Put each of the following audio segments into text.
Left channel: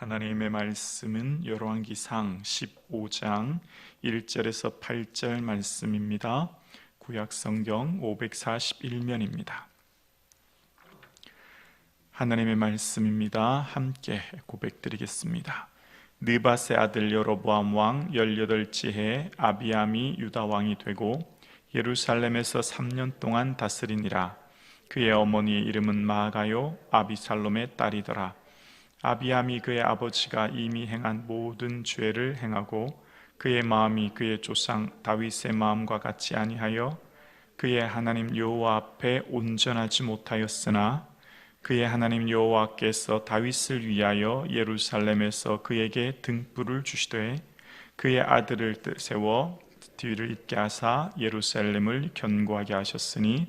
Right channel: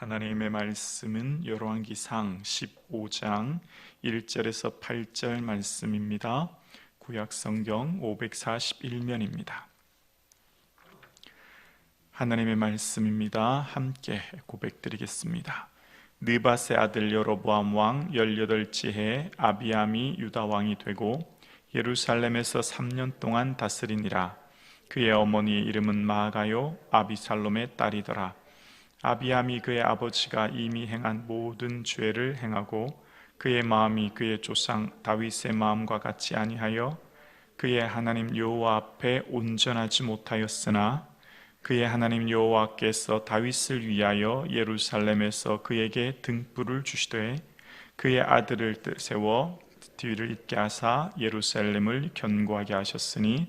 하나님의 말씀은 열왕기상 15장 1절에서 8절 말씀입니다. 구약성경 541면입니다. 하나님의 말씀입니다. 함께 고백드리겠습니다. 느밧의 아들 여로보암 왕 18째 해 아비암이 유다 왕이 되고 예루살렘에서 3년 동안 다스리니라. 그의 어머니의 이름은 마아가요 아비살롬의 딸이더라. 아비암이 그의 아버지가 이미 행한 모든 죄를 행하고 그의 마음이 그의 조상 다윗의 마음과 같이 아니하여 그의 하나님 여호와 앞에 온전하지 못하였으나 그의 하나님 여호와께서 다윗을 위하여 예루살렘에서 그에게 등불을 주시되 그의 아들을 세워 뒤를 잇게 하사 예루살렘을 견고하게 하셨으니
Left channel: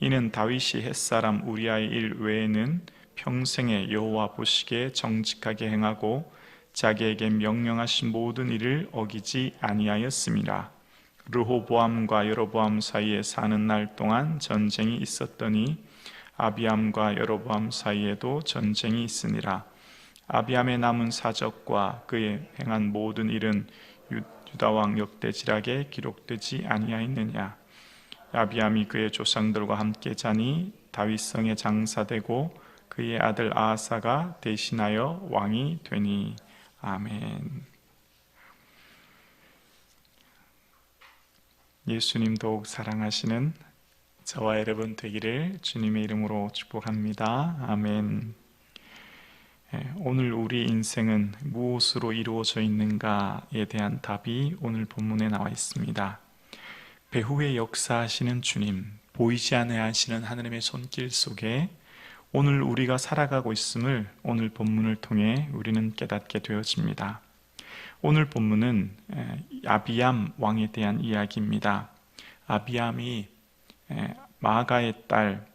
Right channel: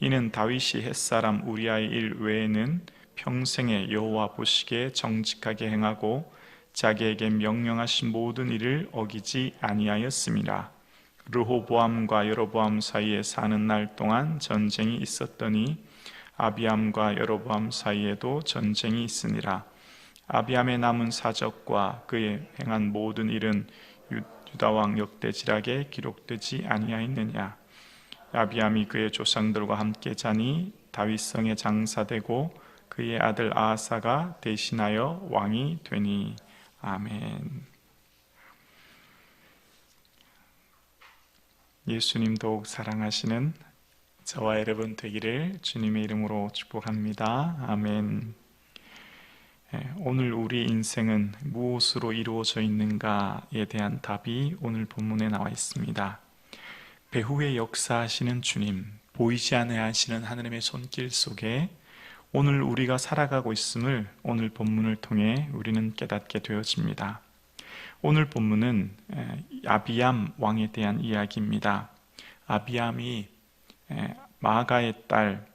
이는 다윗이 햇사람 우리아의 일 외에는 평생에 여호와 보시기에 정직하게 행하고 자기에게 명령하신 모든 일을 어기지 아니하였습니다. 르호보암과 여로보암 사이에 사는 날 동안 전쟁이 있었더니 아비암과 여로보암 사이에도 전쟁이 있으니라. 아비암의 남은 사적과 그의 행한 모든 일은 유다왕 역대지락에 기록되지 아니하였느냐. 아비암이 그의 조상들과 함께 자니 다윗성에 장사되고 그의 아들 아하사가 대신하여 왕이 되니. 아멘. 예수님 더욱 사랑하시는 저와 여러분 되기를 주님의 이름으로 축복합니다. 아멘. 오늘 우리 인생은 무엇으로 이루어져 있는가에 대한 답이 오늘 본문에 나와 있습니다. 배후에 역사하시는 주님, 보이지 않아야 하시는 하나님의 손길 속에 오늘 우리가 살아가고 있음을 오늘 본문을 통해 우리는 깨닫게 되어집니다. 오늘 본문은 아비암 왕에 대한 이야기입니다. 아비암이 마아가의 딸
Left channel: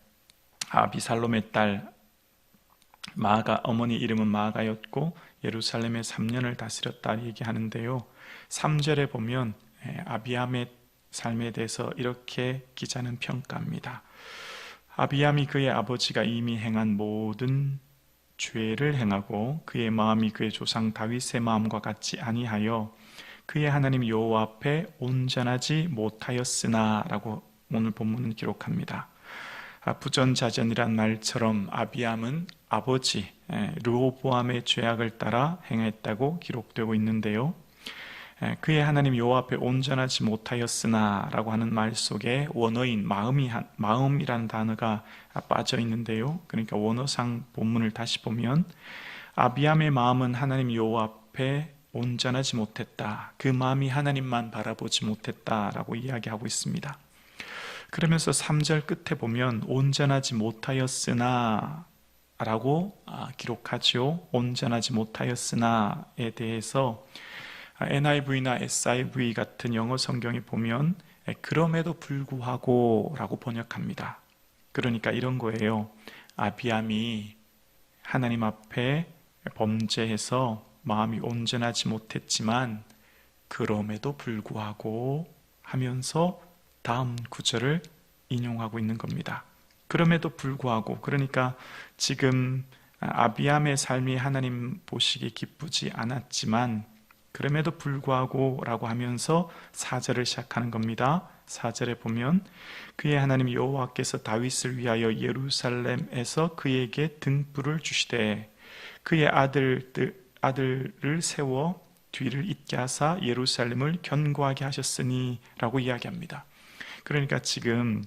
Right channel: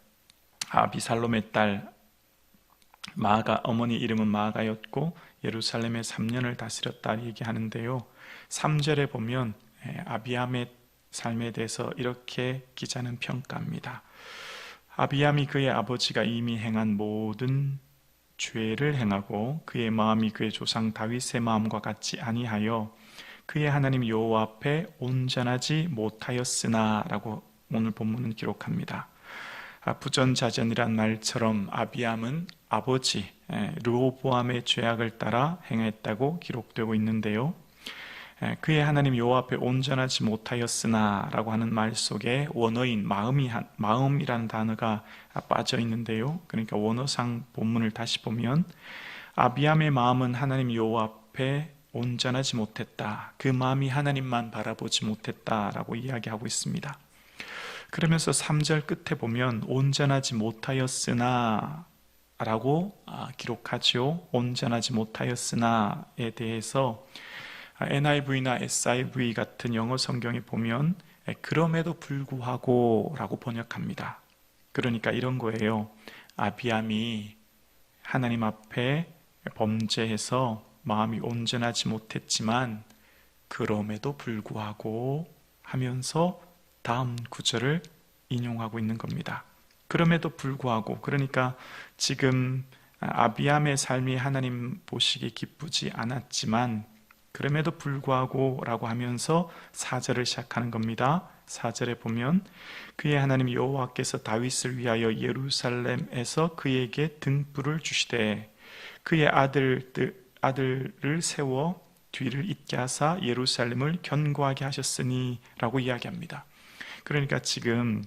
아비살롬의 딸 마아가, 어머니 이름은 마아가였고 예루살렘에 3년을 다스렸다 얘기하는데요. 3절에 보면 아비암의 삶에 대해서 이렇게 기자는 평가합니다. 아비암이 그의 아버지가 이미 행한 모든 죄를 행하고 그의 마음이 그의 조상 다윗의 마음과 같이 아니하여 그의 하나님 여호와 앞에 온전하지 못하였으나 라고 오늘 본문은 기록합니다. 부전자전이란 말처럼 아비암은 아버지 르호보암의 죄악을 따라 행했다고 기록되고 있는데요. 그의 하나님 여호와 앞에 온전하지 못하였으나 라고 하는 말 속에 원어인 마음이라는 단어가 빠져 있는데요. 그러니까 원어상 본문을 다시 보면 아비암의 마음은 하나님 여호와 앞에 온전하지 못했다. 그 마음이 하나님만 바라보지 못했다라고 이야기하고 있습니다. 그러면서 3절 끝에 보면 온전하지 못하였으나 라고 기록하죠. 온전하지 못하였으나에 대해서 NIV나 SIV 같은 영어 성경에 보면 그럼에도 불구하고 라고 번역합니다. 그러니까 이런 거예요. 아비암이 하나님 앞에 범죄해서 마음이 온전하지 못했지만 그럼에도 불구하고 하면서 다음 구절을 인용하고 있는 겁니다. 그럼에도 불구하고, 그러니까 지금 아비암의 삶이 하나님 보시기에 기쁘지 않았지만 그럼에도 불구하고 라고 하면서 4절을 시작하는 겁니다. 4절에 보면 그의 하나님 여호와께서 다윗을 위하여 예루살렘에서 그에게 등불을 주시되 그의 아들을 세워 뒤를 잇게 하사 예루살렘을 견고하게 하셨으니 라고 이야기합니다. 그러니까 지금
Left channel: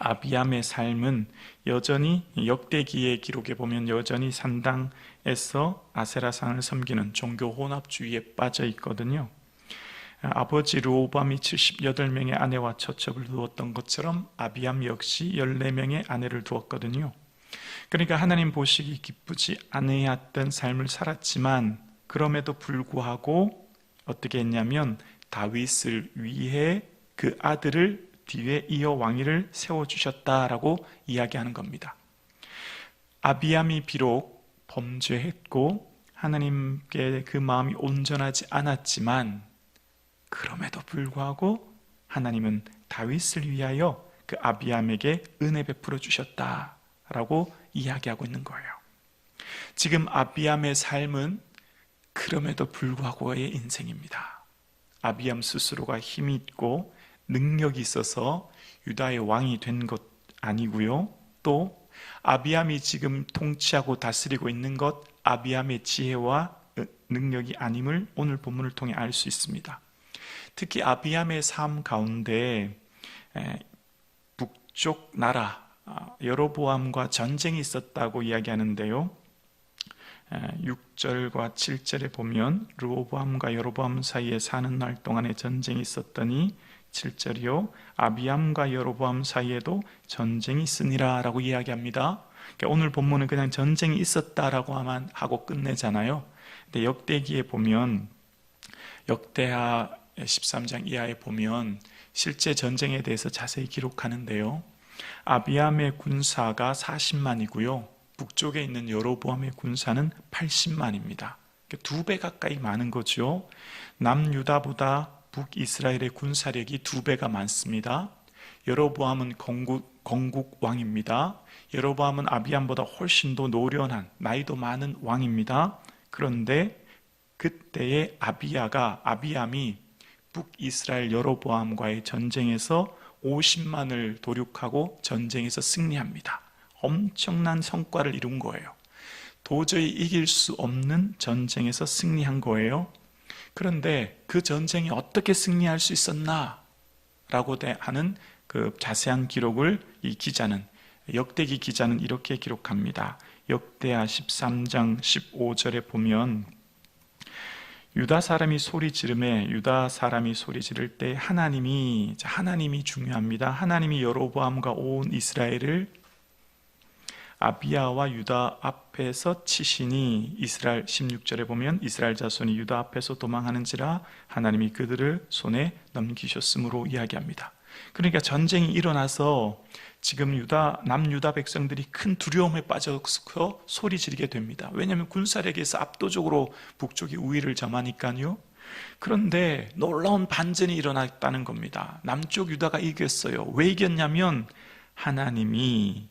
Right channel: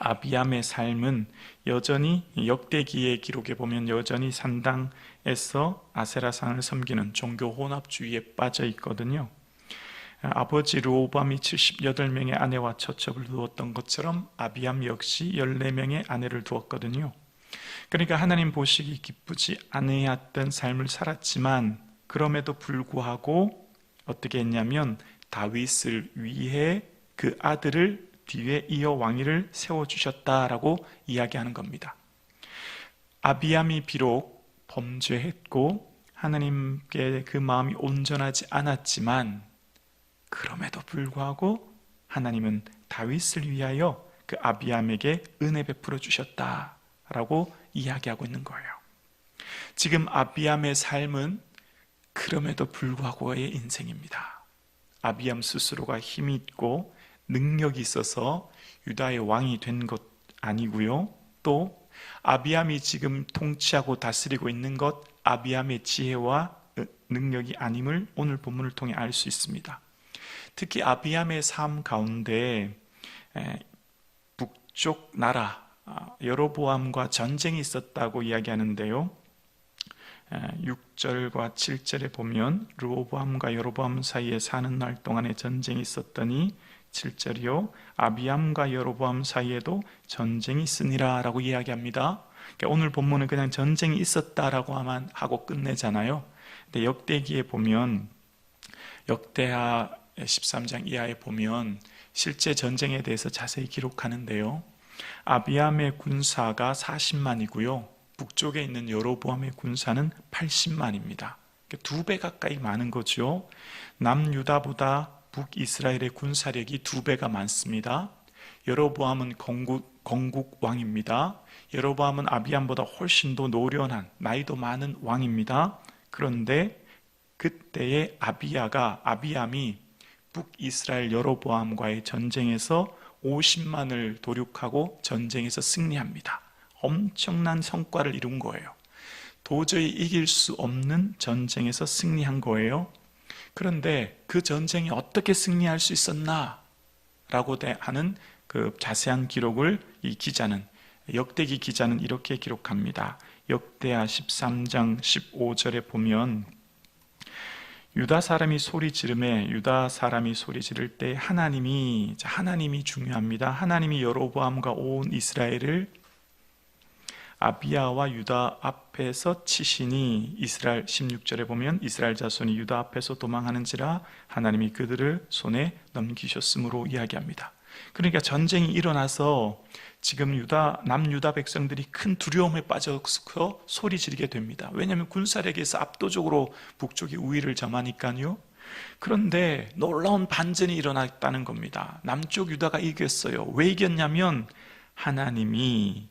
아비암의 삶은 여전히 역대기의 기록에 보면 여전히 산당에서 아세라상을 섬기는 종교 혼합주의에 빠져 있거든요. 아버지 르호보암이 78명의 아내와 처첩을 두었던 것처럼 아비암 역시 14명의 아내를 두었거든요. 그러니까 하나님 보시기 기쁘지 않으셨던 삶을 살았지만 그럼에도 불구하고 어떻게 했냐면 다윗을 위해 그 아들을 뒤에 이어 왕위를 세워주셨다라고 이야기하는 겁니다. 아비암이 비록 범죄했고 하나님께 그 마음이 온전하지 않았지만 그럼에도 불구하고 하나님은 다윗을 위하여 그 아비암에게 은혜 베풀어 주셨다라고 이야기하고 있는 거예요. 지금 아비암의 삶은 그럼에도 불구하고의 인생입니다. 아비암 스스로가 힘이 있고 능력이 있어서 유다의 왕이 된 것 아니고요. 또 아비암이 지금 통치하고 다스리고 있는 것, 아비암의 지혜와 능력이 아님을 오늘 본문을 통해 알 수 있습니다. 특히 아비암의 삶 가운데 북쪽 나라 여로보암과 전쟁이 있었다고 이야기하는데요. 6절과 7절에 보면 르호보암과 여로보암 사이에 사는 날 동안에 전쟁이 있었더니 7절이요 아비암과 여로보암 사이에도 전쟁이 있으니라 라고 이야기합니다. 그러니까 오늘 본문은 그냥 전쟁이 있었다라고 하고 끝내잖아요. 근데 역대기에 보면 역대하 13장 이하에 보면 실제 전쟁에 대해서 자세히 기록하는데요. 아비암의 군사가 40만이고요. 북쪽에 있는 여로보암의 군사는 80만입니다. 2배 가까이 많은 거죠. 남유다보다 북이스라엘의 군사력이 2배가 많습니다. 여로보암은 건국 왕입니다. 여로보암은 아비암보다 훨씬 더 노련한 나이도 많은 왕입니다. 그런데 그때의 아비암이 북이스라엘 여로보암과의 전쟁에서 50만을 도륙하고 전쟁에서 승리합니다. 엄청난 성과를 이룬 거예요. 도저히 이길 수 없는 전쟁에서 승리한 거예요. 그런데 그 전쟁이 어떻게 승리할 수 있었나? 라고 하는 그 자세한 기록을 역대기 기자는 이렇게 기록합니다. 역대하 13장 15절에 보면 유다 사람이 소리 지를 때 하나님이 중요합니다. 하나님이 여로보암과 온 이스라엘을 아비야와 유다 앞에서 치시니 이스라엘 16절에 보면 이스라엘 자손이 유다 앞에서 도망하는지라 하나님이 그들을 손에 넘기셨으므로 이야기합니다. 그러니까 전쟁이 일어나서 지금 남유다 백성들이 큰 두려움에 빠져서 소리 지르게 됩니다. 왜냐하면 군사력에서 압도적으로 북쪽이 우위를 점하니까요. 그런데 놀라운 반전이 일어났다는 겁니다. 남쪽 유다가 이겼어요. 왜 이겼냐면 하나님이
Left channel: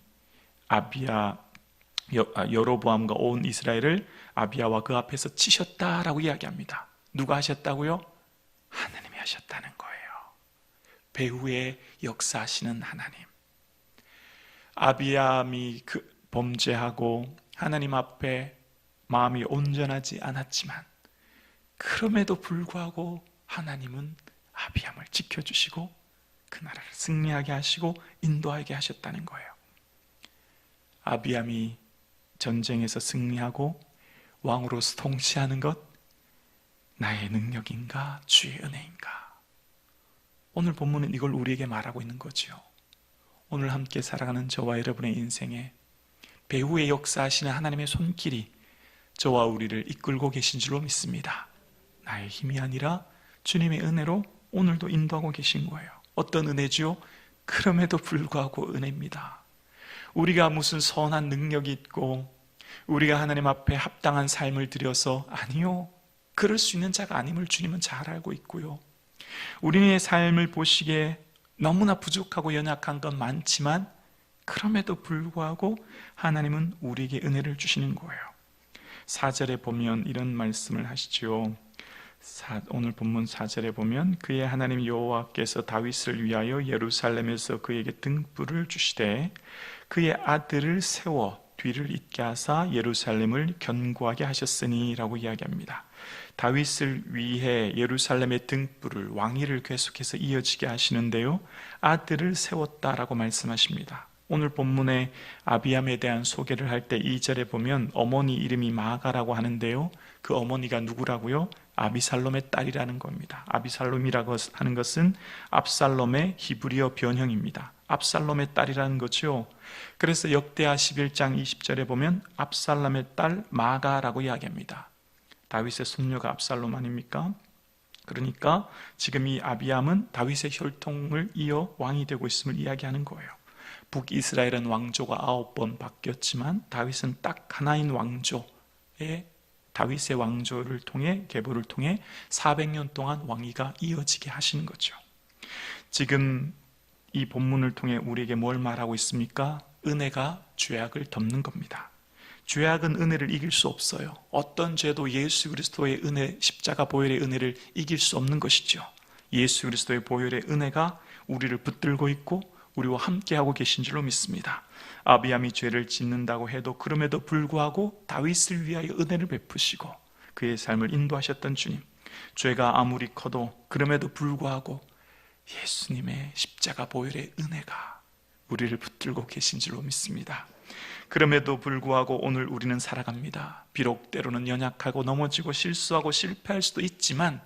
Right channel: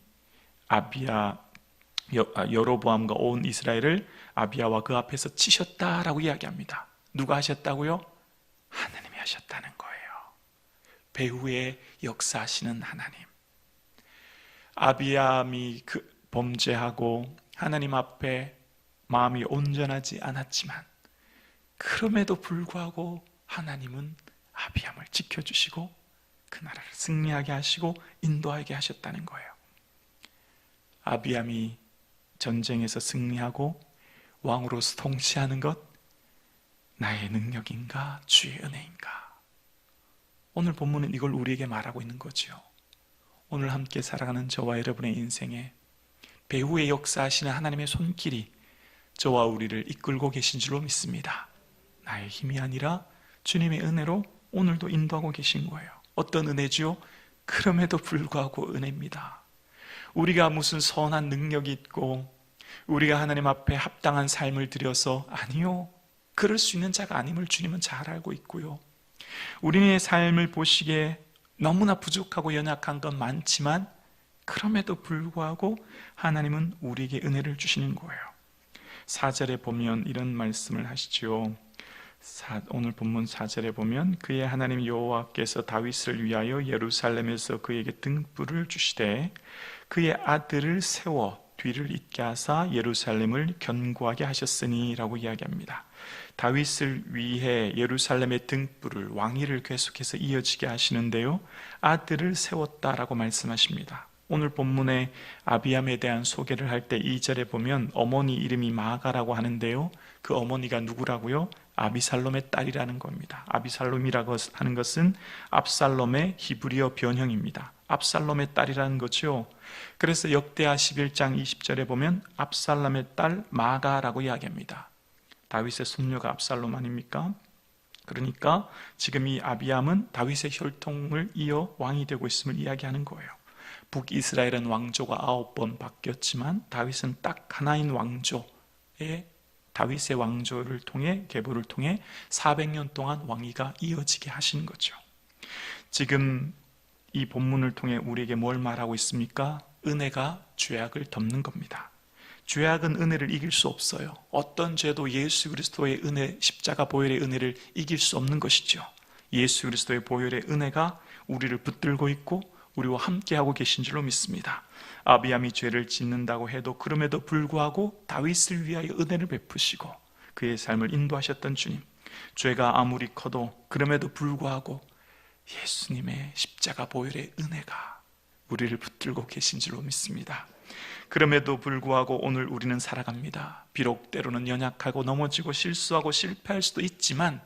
여로보암과 온 이스라엘을 아비야와 그 앞에서 치셨다라고 이야기합니다. 누가 하셨다고요? 하나님이 하셨다는 거예요. 배후에 역사하시는 하나님. 아비암이 범죄하고 하나님 앞에 마음이 온전하지 않았지만 그럼에도 불구하고 하나님은 아비암을 지켜주시고 그 나라를 승리하게 하시고 인도하게 하셨다는 거예요. 아비암이 전쟁에서 승리하고 왕으로서 통치하는 것 나의 능력인가 주의 은혜인가? 오늘 본문은 이걸 우리에게 말하고 있는 거죠. 오늘 함께 살아가는 저와 여러분의 인생에 배후에 역사하시는 하나님의 손길이 저와 우리를 이끌고 계신 줄로 믿습니다. 나의 힘이 아니라 주님의 은혜로 오늘도 인도하고 계신 거예요. 어떤 은혜지요? 그럼에도 불구하고 은혜입니다. 우리가 무슨 선한 능력이 있고 우리가 하나님 앞에 합당한 삶을 들여서 아니요. 그럴 수 있는 자가 아님을 주님은 잘 알고 있고요. 우리의 삶을 보시기에 너무나 부족하고 연약한 건 많지만 그럼에도 불구하고 하나님은 우리에게 은혜를 주시는 거예요. 4절에 보면 이런 말씀을 하시죠. 오늘 본문 4절에 보면 그의 하나님 여호와께서 다윗을 위하여 예루살렘에서 그에게 등불을 주시되 그의 아들을 세워 뒤를 잇게 하사 예루살렘을 견고하게 하셨으니 라고 이야기합니다. 다윗을 위해 예루살렘의 등불을 왕위를 계속해서 이어지게 하시는데요. 아들을 세웠다라고 말씀하십니다. 오늘 본문에 아비암에 대한 소개를 할 때 2절에 보면 어머니 이름이 마아가라고 하는데요. 그 어머니가 누구라고요? 아비살롬의 딸이라는 겁니다. 아비살롬이라고 하는 것은 압살롬의 히브리어 변형입니다. 압살롬의 딸이라는 거죠. 그래서 역대하 11장 20절에 보면 압살롬의 딸 마아가라고 이야기합니다. 다윗의 손녀가 압살롬 아닙니까? 그러니까 지금 이 아비암은 다윗의 혈통을 이어 왕이 되고 있음을 이야기하는 거예요. 북이스라엘은 왕조가 9번 바뀌었지만 다윗은 딱 하나인 왕조에 다윗의 왕조를 통해 계보를 통해 400년 동안 왕위가 이어지게 하시는 거죠. 지금 이 본문을 통해 우리에게 뭘 말하고 있습니까? 은혜가 죄악을 덮는 겁니다. 죄악은 은혜를 이길 수 없어요. 어떤 죄도 예수 그리스도의 은혜, 십자가 보혈의 은혜를 이길 수 없는 것이죠. 예수 그리스도의 보혈의 은혜가 우리를 붙들고 있고 우리와 함께하고 계신 줄로 믿습니다. 아비암이 죄를 짓는다고 해도 그럼에도 불구하고 다윗을 위하여 은혜를 베푸시고 그의 삶을 인도하셨던 주님, 죄가 아무리 커도 그럼에도 불구하고 예수님의 십자가 보혈의 은혜가 우리를 붙들고 계신 줄로 믿습니다. 그럼에도 불구하고 오늘 우리는 살아갑니다. 비록 때로는 연약하고 넘어지고 실수하고 실패할 수도 있지만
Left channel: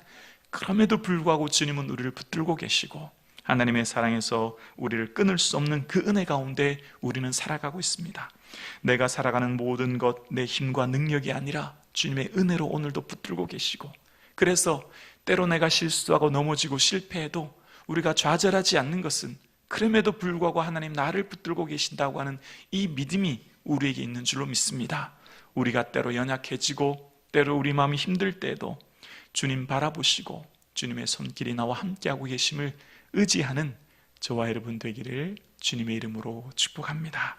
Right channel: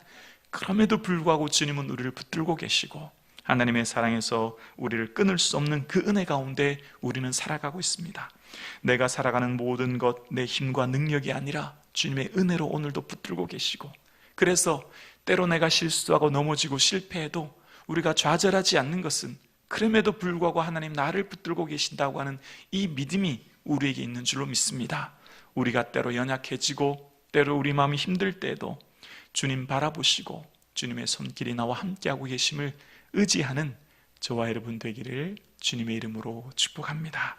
그럼에도 불구하고 주님은 우리를 붙들고 계시고 하나님의 사랑에서 우리를 끊을 수 없는 그 은혜 가운데 우리는 살아가고 있습니다. 내가 살아가는 모든 것, 내 힘과 능력이 아니라 주님의 은혜로 오늘도 붙들고 계시고, 그래서 때로 내가 실수하고 넘어지고 실패해도 우리가 좌절하지 않는 것은 그럼에도 불구하고 하나님 나를 붙들고 계신다고 하는 이 믿음이 우리에게 있는 줄로 믿습니다. 우리가 때로 연약해지고 때로 우리 마음이 힘들 때에도 주님 바라보시고 주님의 손길이 나와 함께하고 계심을 의지하는 저와 여러분 되기를 주님의 이름으로 축복합니다.